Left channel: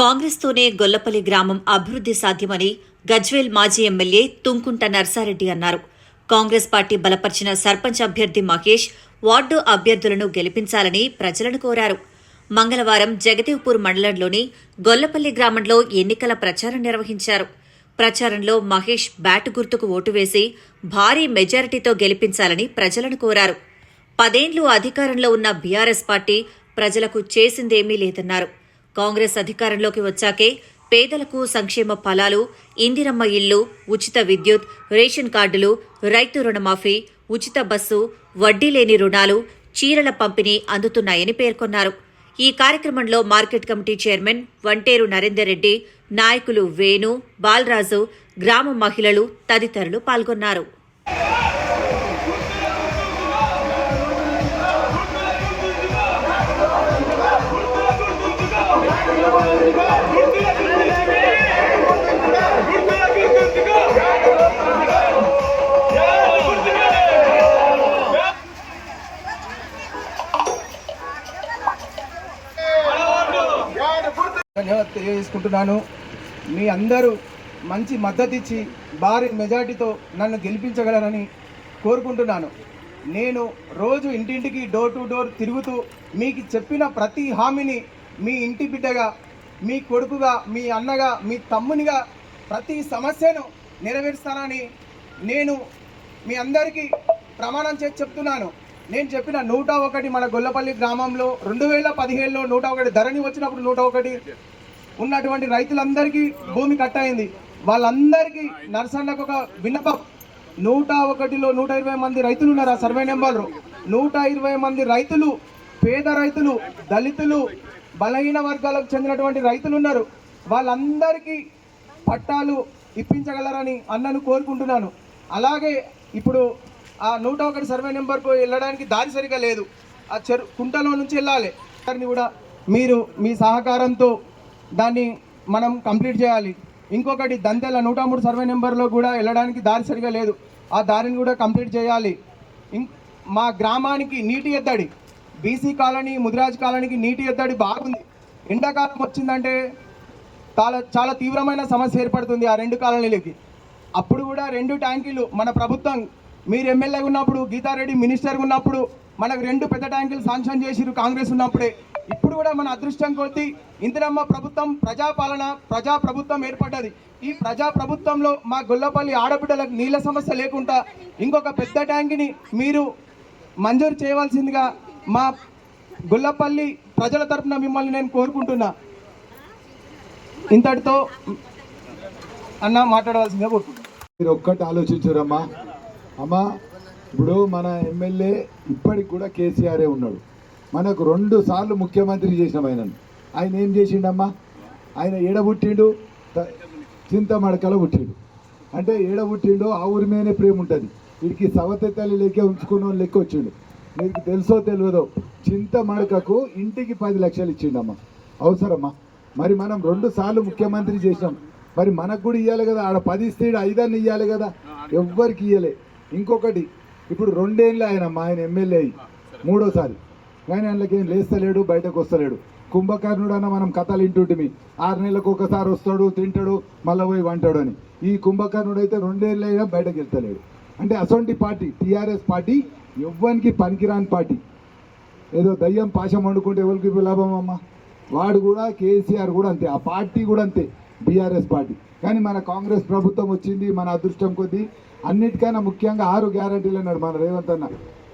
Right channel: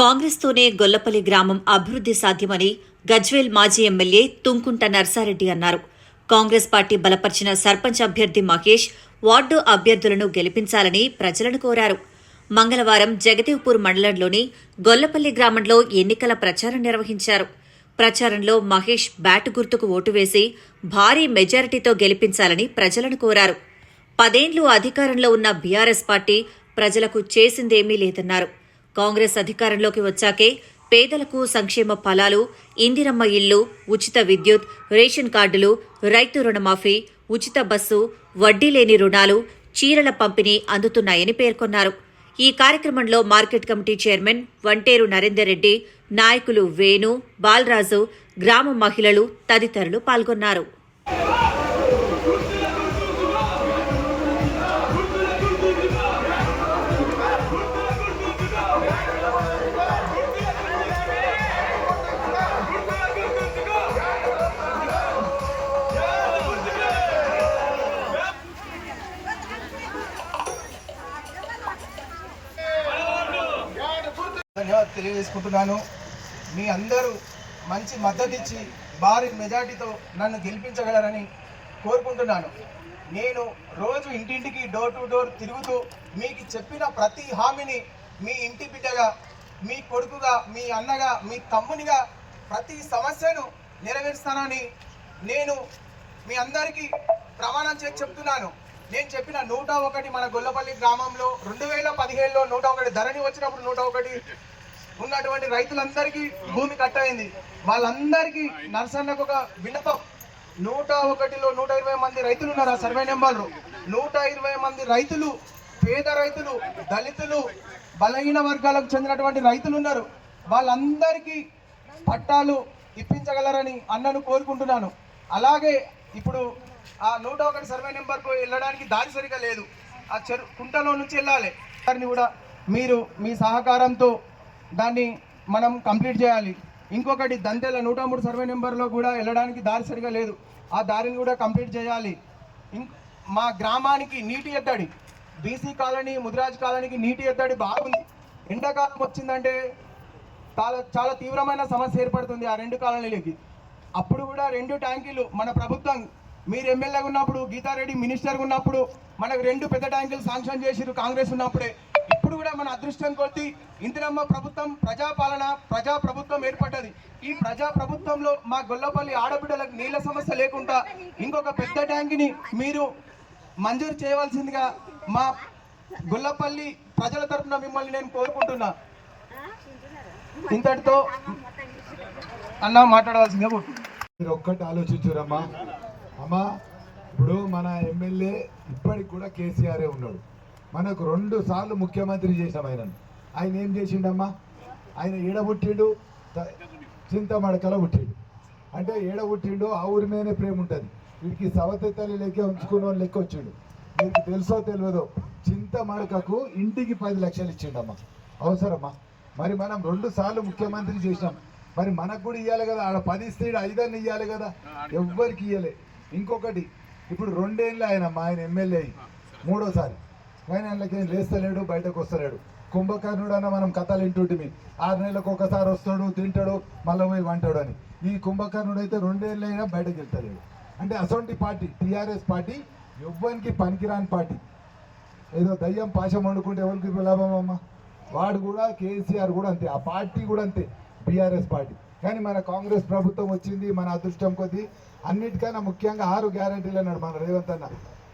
కాంగ్రెస్తోనే గొల్లపల్లి గ్రామం అభివృద్ధి సాధ్యమని గజ్వేల్ మాజీ ఎమ్మెల్యే తుంకుంట నర్సారెడ్డి అన్నారు. కాంగ్రెస్ పార్టీ బలపర్చిన సర్పంచ్ అభ్యర్థి మహేష్ వార్డు అభ్యర్థులను గెలిపించాలని ప్రజలను కోరారు. మంగళవారం జగదేవ్పూర్ మండలంలోని గొల్లపల్లి గ్రామంలో ఎన్నికల ప్రచారం నిర్వహించారు. ప్రచారంలో మహేష్ బ్యాటు గుర్తుకు ఓటు వేసి భారీ మెజారిటీతో గెలిపించాలని ప్రజలను కోరారు. 10 ఏళ్లు అధికారంలో ఉన్న బీఆర్ఎస్ పార్టీ ప్రజలకు చేసిందేమీ లేదన్నారు. కాంగ్రెస్ అధికారంలోకి వచ్చాకే పేదలకు సంక్షేమ ఫలాలు, ఇందిరమ్మ ఇళ్లు, ఉచిత విద్యుత్, రేషన్ కార్డులు, రైతు రుణమాఫీ, ఉచిత బస్సు, వడ్డీ లేని రుణాలు, చీరల పంపిణీ అందుతున్నాయని పేర్కొన్నారు. ఈ కార్యక్రమంలో market committee chairman Vanteru Narender Reddy, నాయకులు వేణు, బాలరాజు, గ్రామ మహిళలు తదితరులు పాల్గొన్నారు. ధన్యవాదాలు తెలియజేసుకుంటున్నాను. మీ అందరూ మంచి మద్దతు ఇచ్చి భారీ మెజార్టీతో నన్ను గెలిపించగలరని కోరుకుంటున్నాను. నేను రోజు ఇంటింటికి డోర్ టు డోర్ తిరుగుతూ మీకు చెప్పిన ప్రతి హామీని మీ ఇంటి బిడ్డగా, మీ కొడుకుగా, మీ అన్నగా, మీ తమ్మునిగా ప్రతి సమస్యను నెరవేరుస్తానని నేను మీ అందరికీ ప్రమాణం చేసి చెప్తున్నాను. నేను చెప్పిన 101 మన గొల్లపల్లి గ్రామంలో 2017లో 101 ధరణి వచ్చినప్పుడు 101 ఉన్నటువంటి రైతులందరికీ భూమి కట్టయింది. వాళ్ళందరికీ నర్సన్నకు ఒక విన్నపం. 101లో 120 మంది రైతులు ఉన్నారు. ఆ సర్వే నెంబర్లు 120 మంది రైతులు, పేద రైతులు, దళితులు, బలహీన వర్గాలకు చెందినటువంటి రైతులు ఉన్నారు. వాళ్ళందరికీ పట్టాలు ఇప్పించగలరని అన్నను కోరుకుంటున్నాను. అలాగే ఇప్పుడు ఆ 101 సర్వే నెంబర్కు వెళ్ళడానికి దారి సరిగా లేదు. ఆ కుంటలో నుంచి వెళ్ళాలి. దాన్ని కూడా మీరు మీ సహకారంతో దాన్ని మనం కంప్లీట్ చేయాలి. ఇంకొకటి దంతెల 103 సర్వే నెంబర్లో కూడా వెళ్ళడానికి దారి సరిగా లేదు. ఆ దారిని కూడా కంప్లీట్ చేయాలి. మా గ్రామానికి నీటి ఎద్దడి, బీసీ కాలనీ, ముదిరాజ్ కాలనీకి నీటి ఎద్దడి బాగుంది. ఎండాకాలం వచ్చిందంటే చాలా తీవ్రమైన సమస్య ఏర్పడుతుంది ఆ 2 కాలనీలకి. అప్పుడు కూడా 2 ట్యాంకీలు మన ప్రభుత్వం, మీరు ఎమ్మెల్యేగా ఉన్నప్పుడు, గీతారెడ్డి మినిస్టర్గా ఉన్నప్పుడు మనకు 2 పెద్ద ట్యాంకులు శాంక్షన్ చేసిరు కాంగ్రెస్ ఉన్నప్పుడే. ఇప్పుడు కూడా మన అదృష్టం కొద్దీ ఇందిరమ్మ ప్రభుత్వం, ప్రజా ప్రభుత్వం ఏర్పడ్డది. ఈ ప్రజా ప్రభుత్వంలో మా గొల్లపల్లి ఆడబిడ్డలకు నీళ్ళ సమస్య లేకుండా ఇంకొక పెద్ద ట్యాంకుని మీరు మంజూరు చేయవలసిందిగా మా గొల్లపల్లి ప్రజల తరఫున మిమ్మల్ని నేను కోరుకుంటున్నా. ఇంతటితో అన్న మాట్లాడవలసిందిగా కోరుకుంటున్నా. మీరు ఒక్కటి ఆలోచించారమ్మా. అమ్మా, ఇప్పుడు మన ఎమ్మెల్యే ఇప్పటికి కూడా కేసీఆరే ఉన్నాడు. మనకు 2 సార్లు ముఖ్యమంత్రి చేసినాం ఆయన ఏం చేసిండమ్మా? ఆయన ఏడబుట్టిండు, చింతమడకలో పుట్టిండు. అంటే ఏడబుట్టిండు, ఆ ఊరి మీదనే ప్రేమ ఉంటుంది. వీడికి సవతి తల్లి లెక్క ఉంచుకున్న లెక్క వచ్చిండు. మీకు తెలుసో తెలియదో, చింతమడకకు ఇంటికి 10 లక్షలు ఇచ్చిండమ్మా. అవసరమ్మా? మరి మనం 2 సార్లు ముఖ్యమంత్రి చేసినాం. మరి మనకు కూడా ఇవ్వాలి కదా. ఆడ 10 ఇస్తే 5 ఇవ్వాలి కదా. ఎవ్వరికి ఇవ్వలే. ఇంకొకటి, ఇప్పుడు 2 ఏళ్ళు ఆయన ఎమ్మెల్యే అయ్యి 3వసారి, కానీ అందులోకేం లేస్తలేడు, బయటకు వస్తలేడు. కుంభకర్ణుడు అన్న మనం కథలు వింటుంటిమి. 6 నెలలకు ఒకసారి వస్తాడు, తింటాడు, మళ్ళీ పోయి వంటాడు అని. ఈ కుంభకర్ణుడు అయితే 2 ఏళ్ళు అయినా బయటకు వెళ్తలేడు. అంటే అసొంటి పార్టీ టీఆర్ఎస్ పార్టీ ఎవ్వరికి పనికిరాని పార్టీ. ఏదో దయ్యం పాశం వండుకుంటే ఎవరికి లాభం అమ్మా? వాడు కూడా, కేసీఆర్ కూడా అంతే, ఆ పార్టీ కూడా అంతే, బీఆర్ఎస్ పార్టీ. కానీ మన కాంగ్రెస్ ప్రభుత్వం వచ్చింది, మన అదృష్టం కొద్దీ. అన్నిటికన్నా ముఖ్యంగా 6 గ్యారంటీలు అన్నాడు మన రేవంత్ అన్న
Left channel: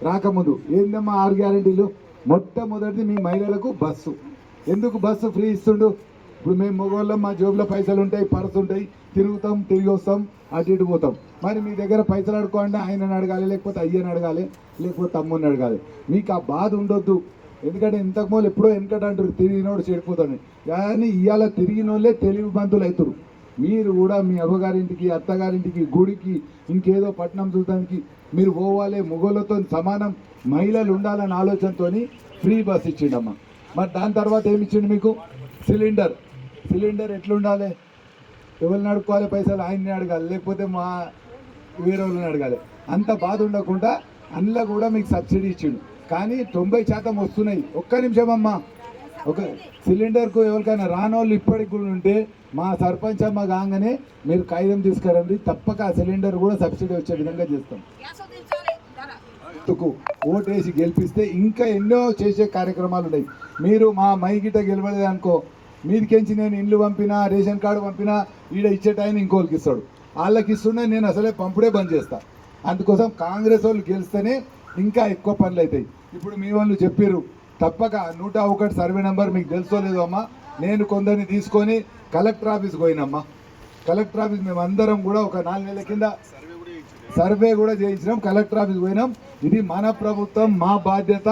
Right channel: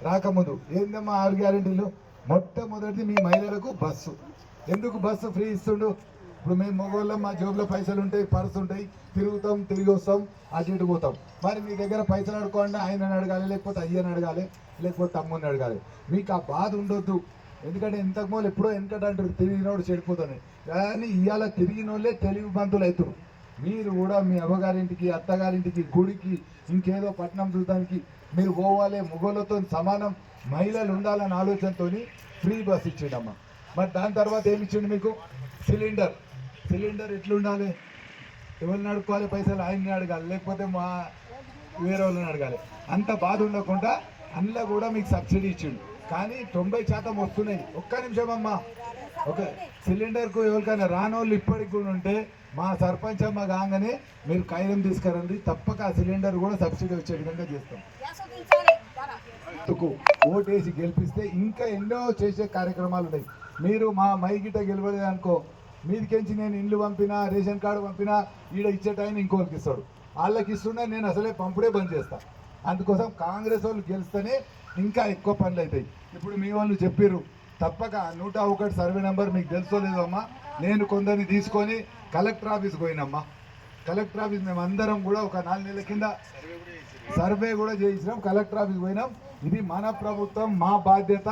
రాకముందు. ఏందమ్మా 6 గ్యారంటీలు? మొట్టమొదటిది మీ మహిళలకు బస్సు. ఎందుకు బస్సు ఫ్రీ ఇస్తుండు? ఇప్పుడు మేము మగవాళ్ళం, మా జోబులో పైసలు ఉంటాయి, పర్సు ఉంటాయి, తిరుగుతాం, తిరిగి వస్తాం, అటు ఇటు పోతాం. మరి మీ దగ్గర పైసలు అడుకోండి, ఆయనని అడగాలి, లేకపోతే అయ్యని అడగాలి, లేకపోతే తమ్ముని అడగాలి. మీకు ఆ బాధ ఉండొద్దు. ఎందుకంటే ఇంతకుముందు ఎప్పుడో వెనకట అంటారు, తిరిగినోడు చెడిపోతాడు. కానీ ఇవాళ తిరిగిన వాళ్ళే తెలివిమంతులు అవుతారు. మీరు కూడా మీ అవ్వగారింటికి, అత్తగారింటికి, గుడికి, ఇంకేదో పట్టణం చూడటానికి మీరు పోవాలి. మొగోళ్ళతో సమానం మహిళలు ఉండాలనే ఆలోచనతో ఫ్రీ బస్ ఇచ్చిండమ్మా. మరి దాని తర్వాత ఏమి ఇచ్చిండు మీకు? సిలిండర్ ఎట్లుండాలి? ఎవరిని అడుక్కోవాలి? పైసలు ఆయన్ని అడగాలి, లేకపోతే మా వేరే వాళ్ళని అడగాలి. అంత బాధ ఉండకుండా అందులో కూడా మీకు సబ్సిడీ ఇచ్చిండు. కానీ 90% వస్తున్నాయి. ఒక్క నిమిషం అమ్మా, ఒక సిలిండర్కు ఎవరికైనా రానోళ్ళు ఇప్పటికి కూడా ఉంటే మా సర్పంచ్ అమ్మ కాగానే మీరు కాగితం తీసుకురండి, తప్పక ఆ సిలిండర్ కూడా సబ్సిడీ వచ్చే విధంగా చేస్తాం. గుర్తుకు ఓటేసి గెలిపిస్తే ఇంకా ఎన్నో చేసే కార్యక్రమాలు ఉన్నాయి. మీరు మా మైగిట గెలవలేదు అనుకో, మీదికెంచి నేను ఇల్లు పంపినా, రేషన్ కార్డు పంపినా, ఈడ ఇచ్చే టైం ఇంకోళ్ళకి ఇస్తాడు, వాళ్ళకి ఇస్తున్నా నేను అసలే పంపుడే బంద్ చేస్తా. అందుకోసం కాంగ్రెస్ వాళ్ళు గెలిస్తేనే ఇంకా ఎక్కువ పనులు అవుతాయి. ఇప్పుడు మీ వాళ్ళు చెప్పారు తప్పక 101 సర్వే నెంబర్ మీకు తెలుసో లేదు అమ్మా, నేను కొందరిని తీసుకొని కలెక్టర్ ఆఫీస్కి పోయినమ్మా. కలెక్టర్ ఆఫీస్ మేము అందరం కూడా ఒక 4 నెలల కింద సర్వే కూడా చేయించినాం, కలెక్టర్ ఆఫీస్కి పోయినాం. ఇది మన ప్రభుత్వం, మా బాధ్యత,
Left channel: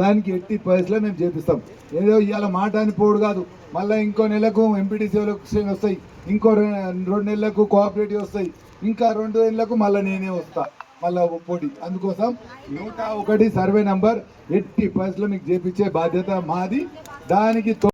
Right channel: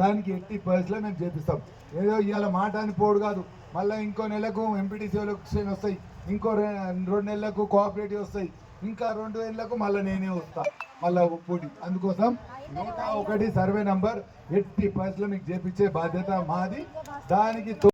దానికి ఎట్టి పరిస్థితిలో మేము చేపిస్తాం. ఏదో ఇవాళ మాట అని పోడు కాదు, మళ్ళీ ఇంకో నెలకు ఎంపీటీసీ ఎలక్షన్ వస్తాయి, ఇంకో 2 నెలలకు కోఆపరేటివ్ వస్తాయి, ఇంకా 2 నెలలకు మళ్ళీ నేనే వస్తా మళ్ళీ పోటీ. అందుకోసం 101 సర్వే నంబర్ ఎట్టి పరిస్థితిలో మీకు చేపించే బాధ్యత మాది. దానికి